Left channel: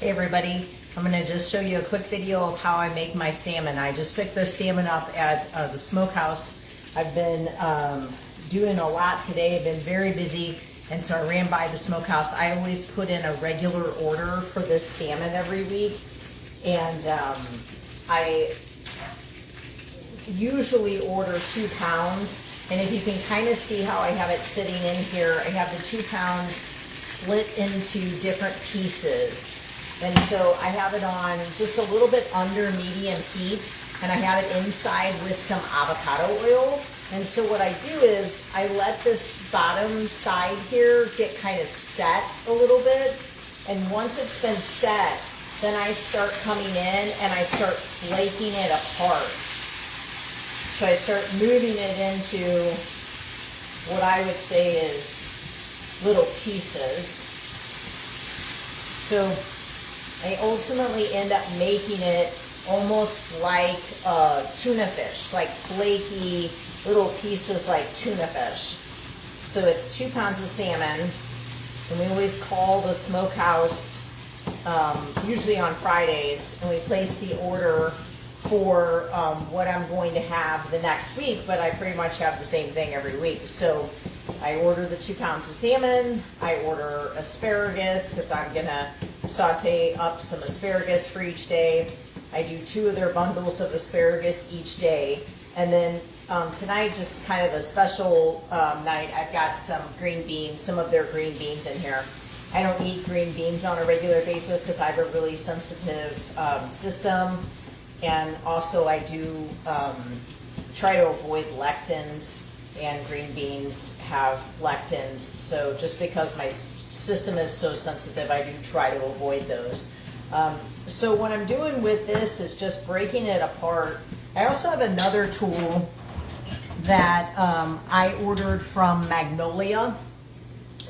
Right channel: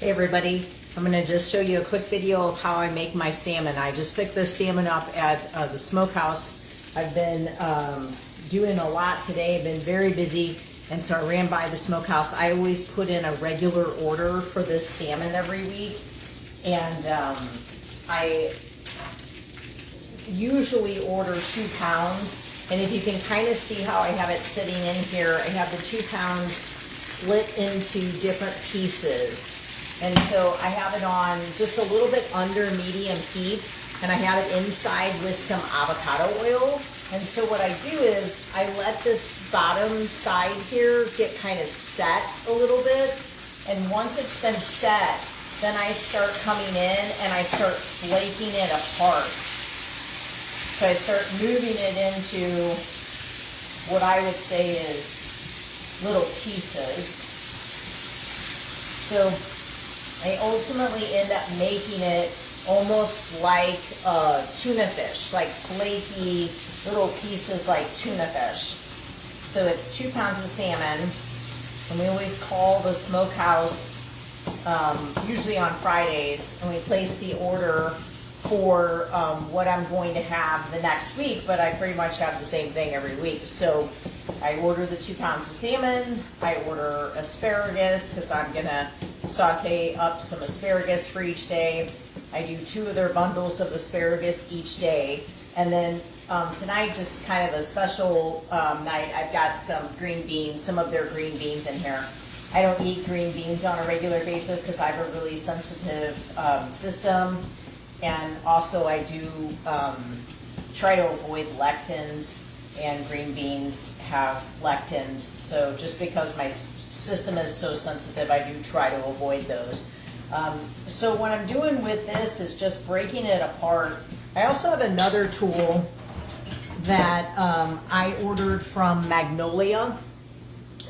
Hey everybody, I'm going to just show you a quick video of how I make my salmon. I just picked the salmon up at the Smokehouse. I've been doing a lot today, I've been very busy, and so I ran by the Smokehouse. I always put in a regular order for this salmon every week, and I usually order 2 pounds, and if you can kind of see how I have it sitting in here, I have the 2 pounds split into different pieces. And so I have it on just a little bit under medium heat, and I have it inside with some avocado oil. And so what I do is I let this bottom side here get kind of set a little bit. And once it's been set, then I start coming in and I start flaking it apart. So I start moving it into what I would say is little pieces. So I ultimately end up making it almost like a tuna fish, like flaky little pieces like tuna fish. So it's 2 pounds of salmon, and we always call the Smokehouse, usually on Fridays, and we place the order for what I'm going to have the next week, but I pretty much have the same thing every week. So I order the 2 pounds of salmon, I order asparagus because I'm gonna saute up some asparagus for each day. I do 2 of their bundles of asparagus each day. And then tonight, just kind of a special night, I've got some green beans, some of their green beans in here. I don't eat green beans on a regular basis because I have a really sensitive system. And also I do try to avoid lectins, and green beans have lectins. So just because my system is so sensitive, I do try to avoid those. So what I'm doing with this is just breaking it apart. I also have another tool that I ordered from Magnolia.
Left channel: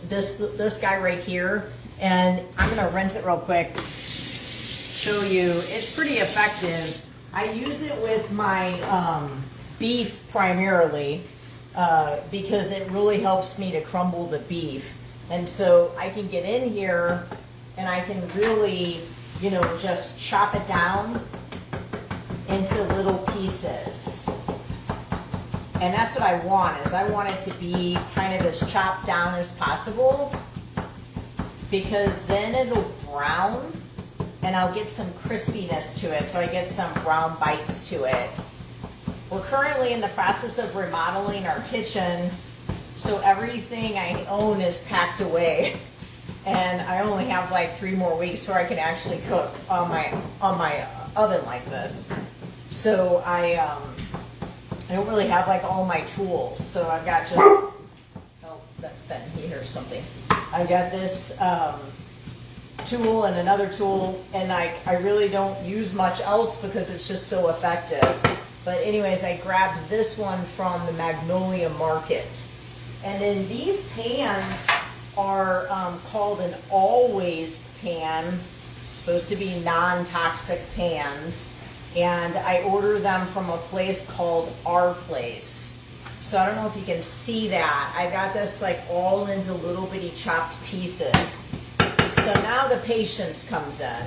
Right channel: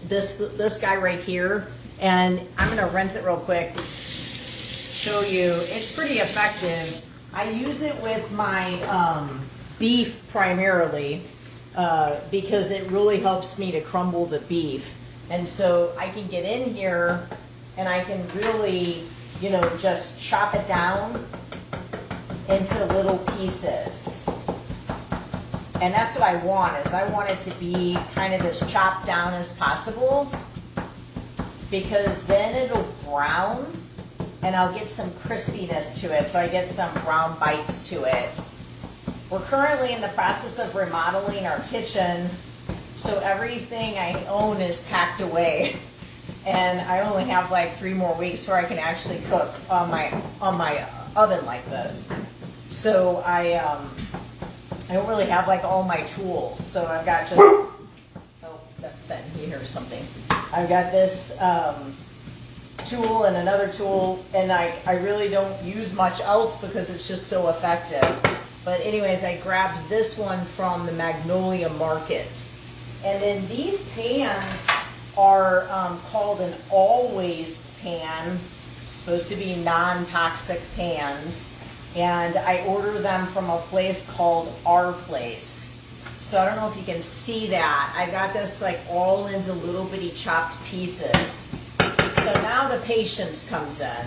This guy right here, and I'm gonna rinse it real quick. Show you, it's pretty effective. I use it with my beef primarily because it really helps me to crumble the beef. And so I can get in here and I can really, just chop it down into little pieces. And that's what I want, is I want it to be kind of as chopped down as possible, because then it'll brown and I'll get some crispiness to it, so I get some brown bites to it. We're currently in the process of remodeling our kitchen, so everything I own is packed away, and I only have like 3 more weeks where I can actually cook on my oven like this. So I don't really have like all my tools, so I've got just, oh, that's Ben, he hears something. I've got this tool and another tool, and I really don't use much else because it's just so effective. But anyways, I grabbed this one from the Magnolia Market. And then these pans are called an always pan, supposed to be non-toxic pans. And I ordered them from a place called Our Place. So I don't know if you can see that. I got this like all into little bitty chopped pieces. So now the patience comes in.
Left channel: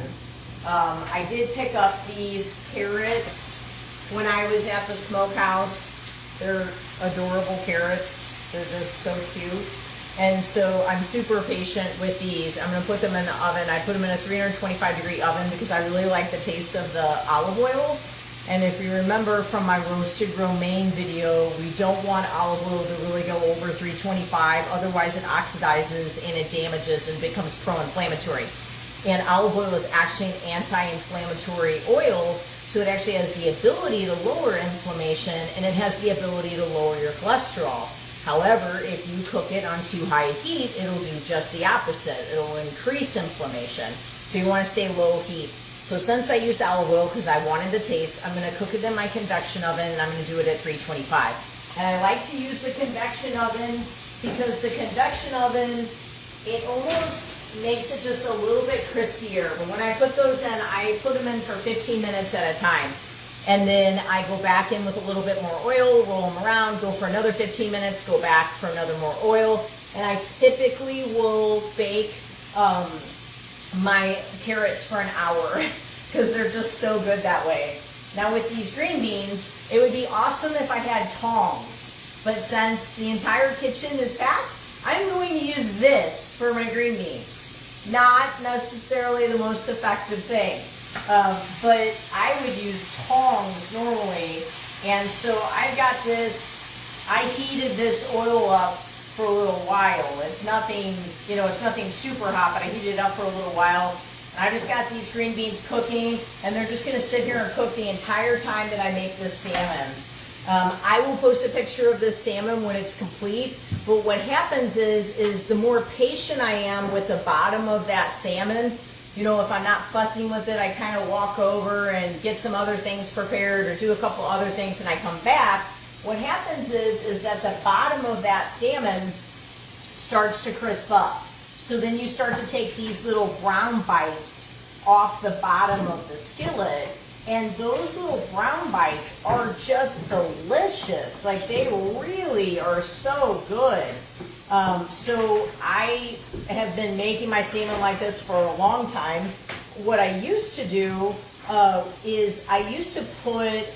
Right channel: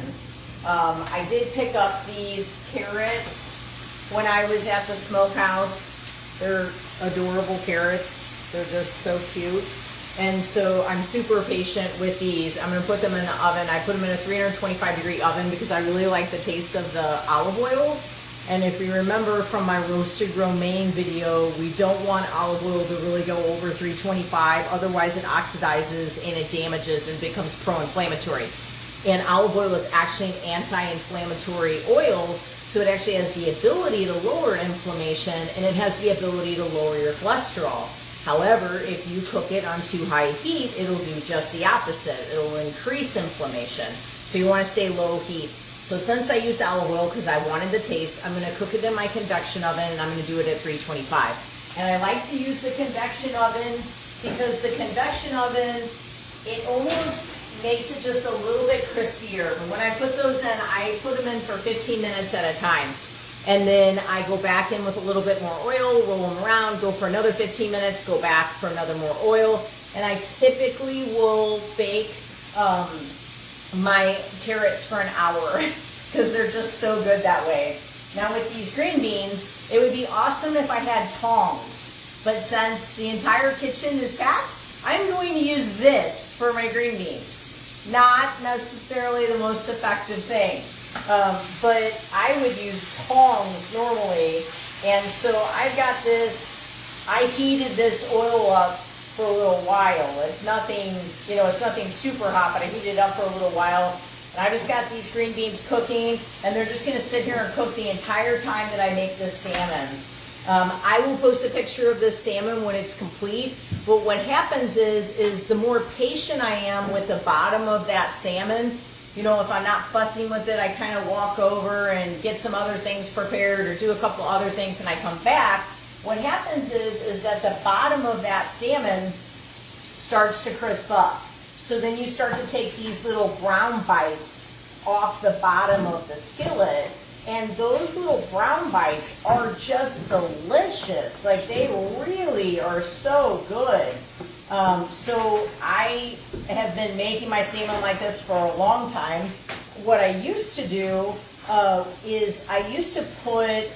I did pick up these carrots when I was at the Smokehouse. They're adorable carrots. They're just so cute. And so I'm super patient with these. I'm going to put them in the oven. I put them in a 325-degree oven because I really like the taste of the olive oil. And if you remember from my roasted romaine video, we don't want olive oil to really go over 325. Otherwise it oxidizes and it damages and becomes pro-inflammatory. And olive oil is actually an anti-inflammatory oil, so it actually has the ability to lower inflammation, and it has the ability to lower your cholesterol. However, if you cook it on too high heat, it'll do just the opposite. It'll increase inflammation. So you want to stay low heat. So since I used olive oil because I wanted the taste, I'm going to cook it in my convection oven, and I'm going to do it at 325. And I like to use the convection oven because the convection oven, it almost makes it just a little bit crispier. But when I put those in, I put them in for 15 minutes at a time. And then I go back in with a little bit more oil, roll them around, go for another 15 minutes, go back for another more oil. And I typically will bake my carrots for an hour because they're just so good that way. Now with these green beans, it would be awesome if I had tongs, but since the entire kitchen is packed, I'm going to use this for my green beans. Not necessarily the most effective thing, but I would use tongs normally. And so I've got this, I heated this oil up for a little while. It's nothing, you know, it's nothing super hot, but I heated it up for a little while. And I just got these green beans cooking, and they're just gonna sit here and cook the entire time that I make this salmon. I will post a picture of this salmon when it's complete, but what happens is the more patient I am with the bottom of that salmon, you know, if I'm not fussing with it, I kind of walk over and get some other things prepared or do a couple other things and I come back. What happens is that the bottom of that salmon starts to crisp up. So then you start to take these little brown bites off the bottom of the skillet, and those little brown bites are just delicious. Like, they really are so good. So I have been making my salmon like this for a long time. What I used to do is I used to put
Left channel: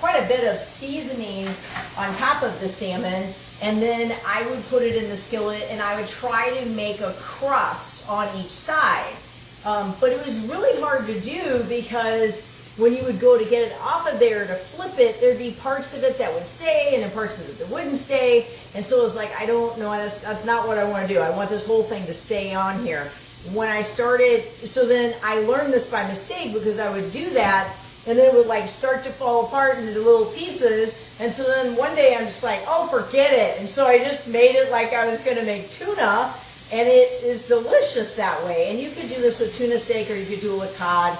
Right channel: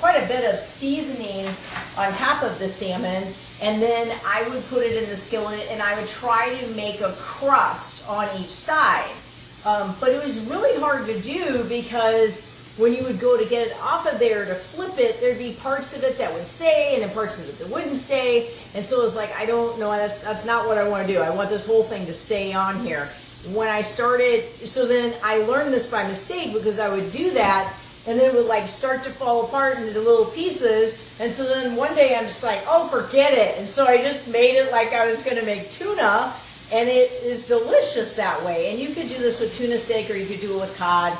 quite a bit of seasoning on top of the salmon, and then I would put it in the skillet and I would try to make a crust on each side. But it was really hard to do because when you would go to get it off of there to flip it, there'd be parts of it that would stay and then parts of it that wouldn't stay. And so it was like, I don't know, that's not what I want to do. I want this whole thing to stay on here. When I started, so then I learned this by mistake because I would do that and then it would like start to fall apart into little pieces. And so then one day I'm just like, oh, forget it. And so I just made it like I was going to make tuna, and it is delicious that way. And you could do this with tuna steak or you could do it with cod.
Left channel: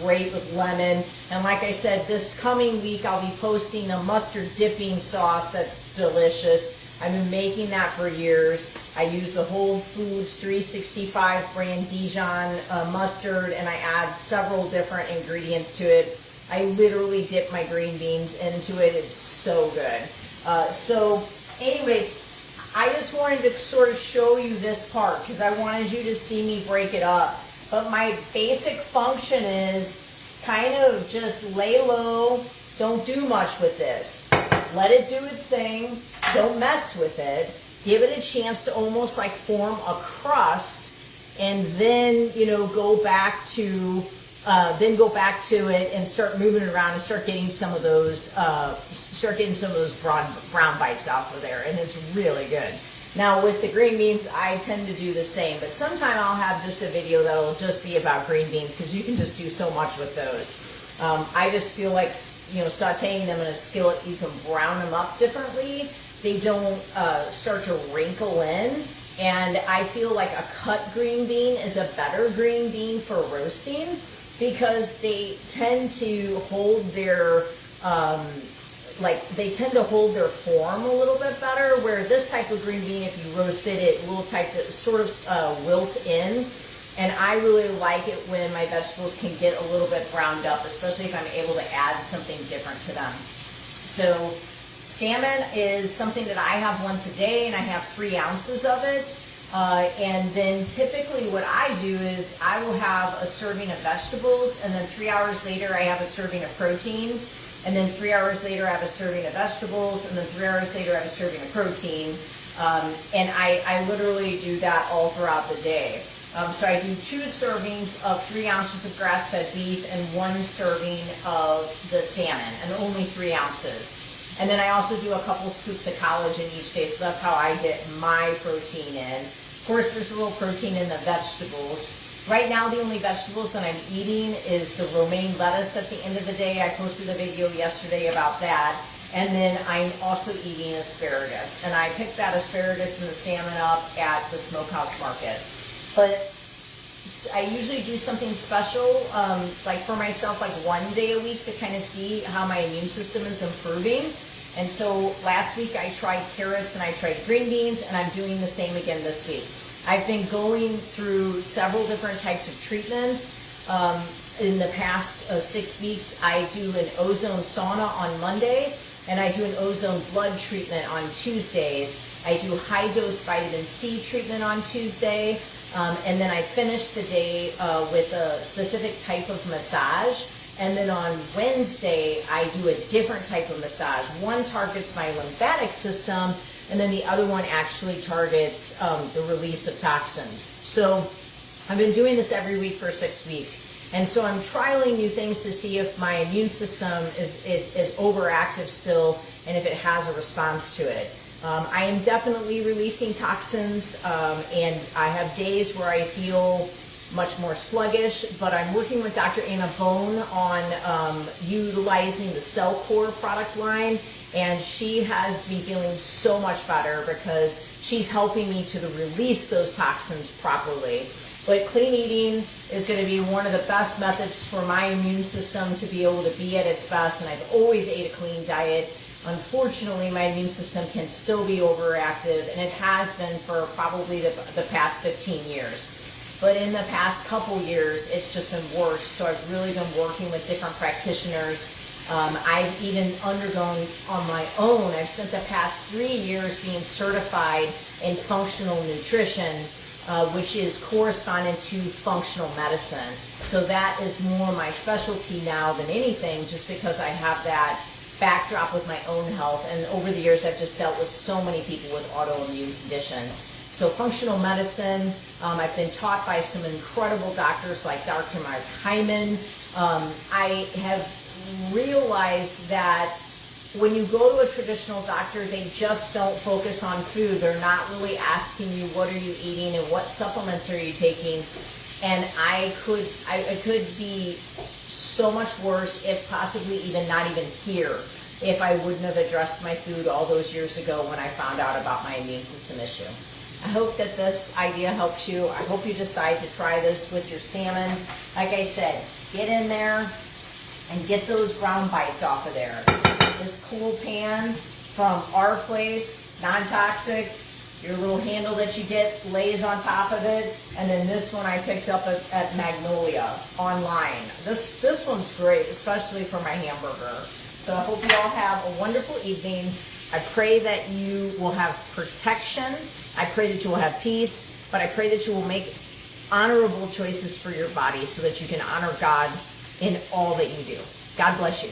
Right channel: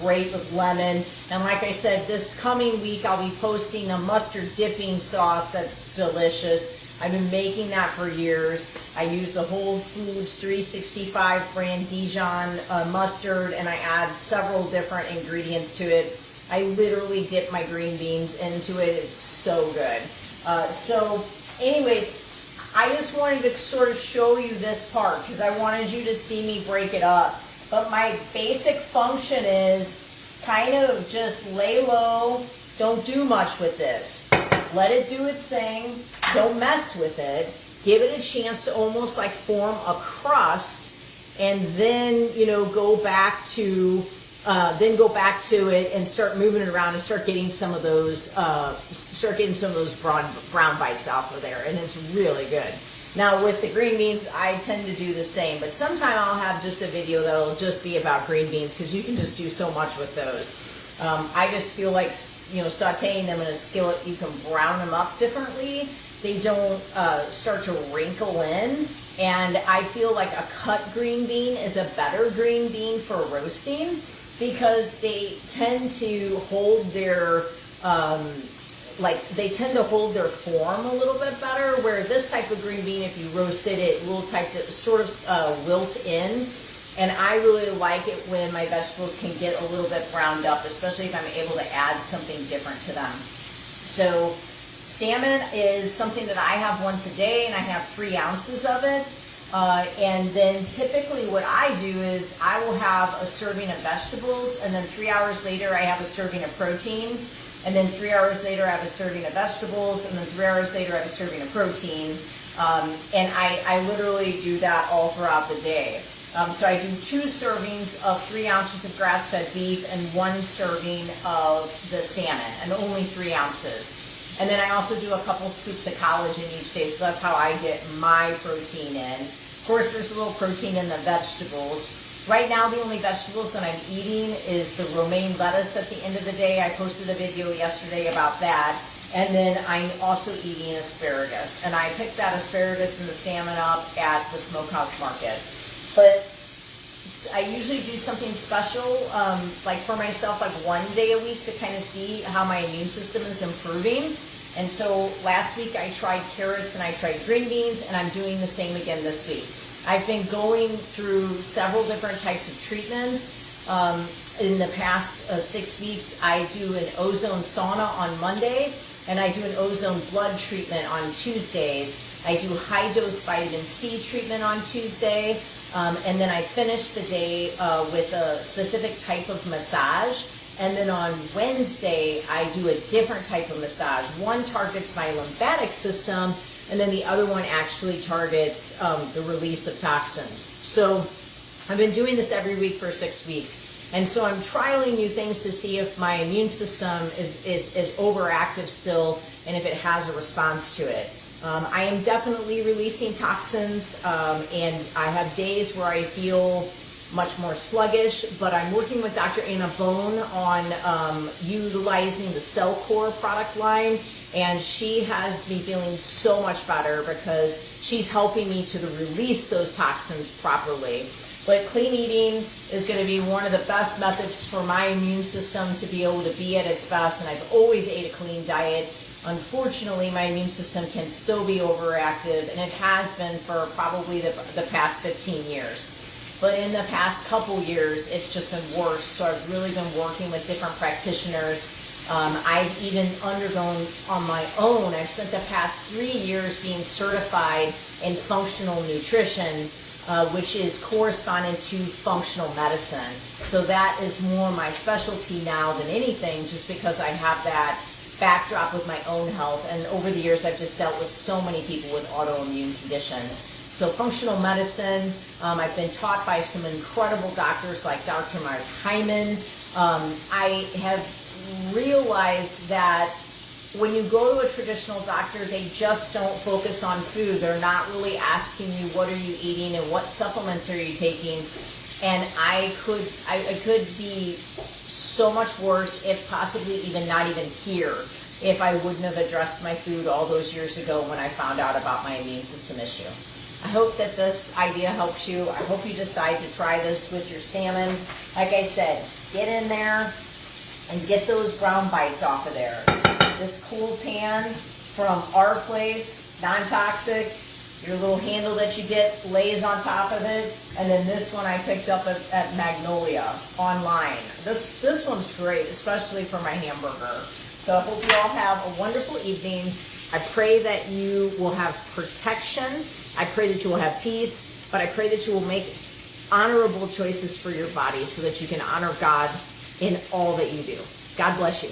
Great with lemon. And like I said, this coming week I'll be posting a mustard dipping sauce that's delicious. I've been making that for years. I use the Whole Foods 365 brand Dijon mustard, and I add several different ingredients to it. I literally dip my green beans into it. It's so good. So anyways, I just wanted to sort of show you this part because I wanted you to see me break it up. But my basic function is kind of just lay low, don't do much with this. Let it do its thing, don't mess with it. Give it a chance to almost like form a crust, and then, you know, go back to it and start moving it around and start getting some of those brown bites off of there, and it's really good. Now with the green beans, I tend to do the same, but sometime I'll have just a video that'll just be about green beans because you can just do so much with those. I just feel like, you know, sauteing them in a skillet, you can brown them up differently. They don't start to wrinkle in, and I feel like a cut green bean is a better green bean for roasting because they tend to hold their form a little bit better, where this type of green bean, if you roasted it, will sort of wilt in. And I really like it when my vegetables can get a little bit browned up, especially if I'm able to add something different to them. So salmon is something that I have once a day, and I have 3 ounces of it. And then typically what I do is I will have a serving of vegetables, and then 3 hours later I have a serving of protein. And then 3 hours later, I have a serving of vegetables. And then 3 hours later, I have a serving of protein. And I literally do that all throughout the day. So I do 2 servings of 3 ounces of grass-fed beef and 1 serving of the salmon, and only 3 ounces. And then I also do a couple scoops of collagen each day, so that's how I get my protein in. Of course, there's a little protein in the vegetables. Right now, the only vegetables that I'm eating is the romaine lettuce at the end of the day. I posted a video yesterday about that. And then I'm also eating asparagus. And I picked that asparagus and the salmon up at the Smokehouse Market. But I usually do something special, like for myself, like 1 day a week to kind of see how my immune system is improving. And so last week I tried carrots and I tried green beans, and I'm doing the same again this week. I've been going through several different types of treatments. In the past 6 weeks, I do an ozone sauna on Monday, and I do an ozone blood treatment on Tuesdays. I do high-dose vitamin C treatment on Tuesday, and then I finish the day with a specific type of massage. And then on Wednesday, I do a different type of massage. One targets my lymphatic system, and then the other one actually targets the release of toxins. So I've been doing this every week for 6 weeks. And so I'm trialing new things to see if my immune system is overactive still and if it has a response to it. I am definitely releasing toxins, and I have days where I feel much more sluggish, but I'm working with Dr. Anna Bone on utilizing the Cell Core product line, and she has me feeling so much better because she's helping me to release those toxins properly. But clean eating is going to be one of the best methods for my immune system to be able to be at its best, and I've always ate a clean diet. Unfortunately, my immune system can still be overactive, and it has been for probably the past 15 years. But in the past couple years, it's just been worse. So I've really been working with different practitioners. I've even undergone on my own. I've spent the past 3 years being certified in functional nutrition, which is correspondent to functional medicine. So that is more my specialty now than anything, just because I have that backdrop with my own health. And over the years, I've just dealt with so many people with autoimmune conditions. So functional medicine, I've been taught by some incredible doctors like Dr. Mark Hyman. I have realized that when you go to a traditional doctor, they just don't focus on food. They're not really asking you what are you eating and what supplements are you taking. And I could be so much worse, if possibly even not even here, if I wouldn't have addressed my food all those years ago when I found out about my immune system issue. I hope that this idea helps you. I hope you decide to try this with your salmon. Like I said, get in there and get those brown bites off of there. This cool pan from our place, non-toxic. Your little handle that you get lays on top of it. And then this one I picked up at Magnolia online. This one's great, especially for my hamburger. So I hope you all have a wonderful evening. I pray that you will have protection. I pray that you will have peace, but I pray that you will make honorable choices for your body so that you can honor God in all that you do. God bless you.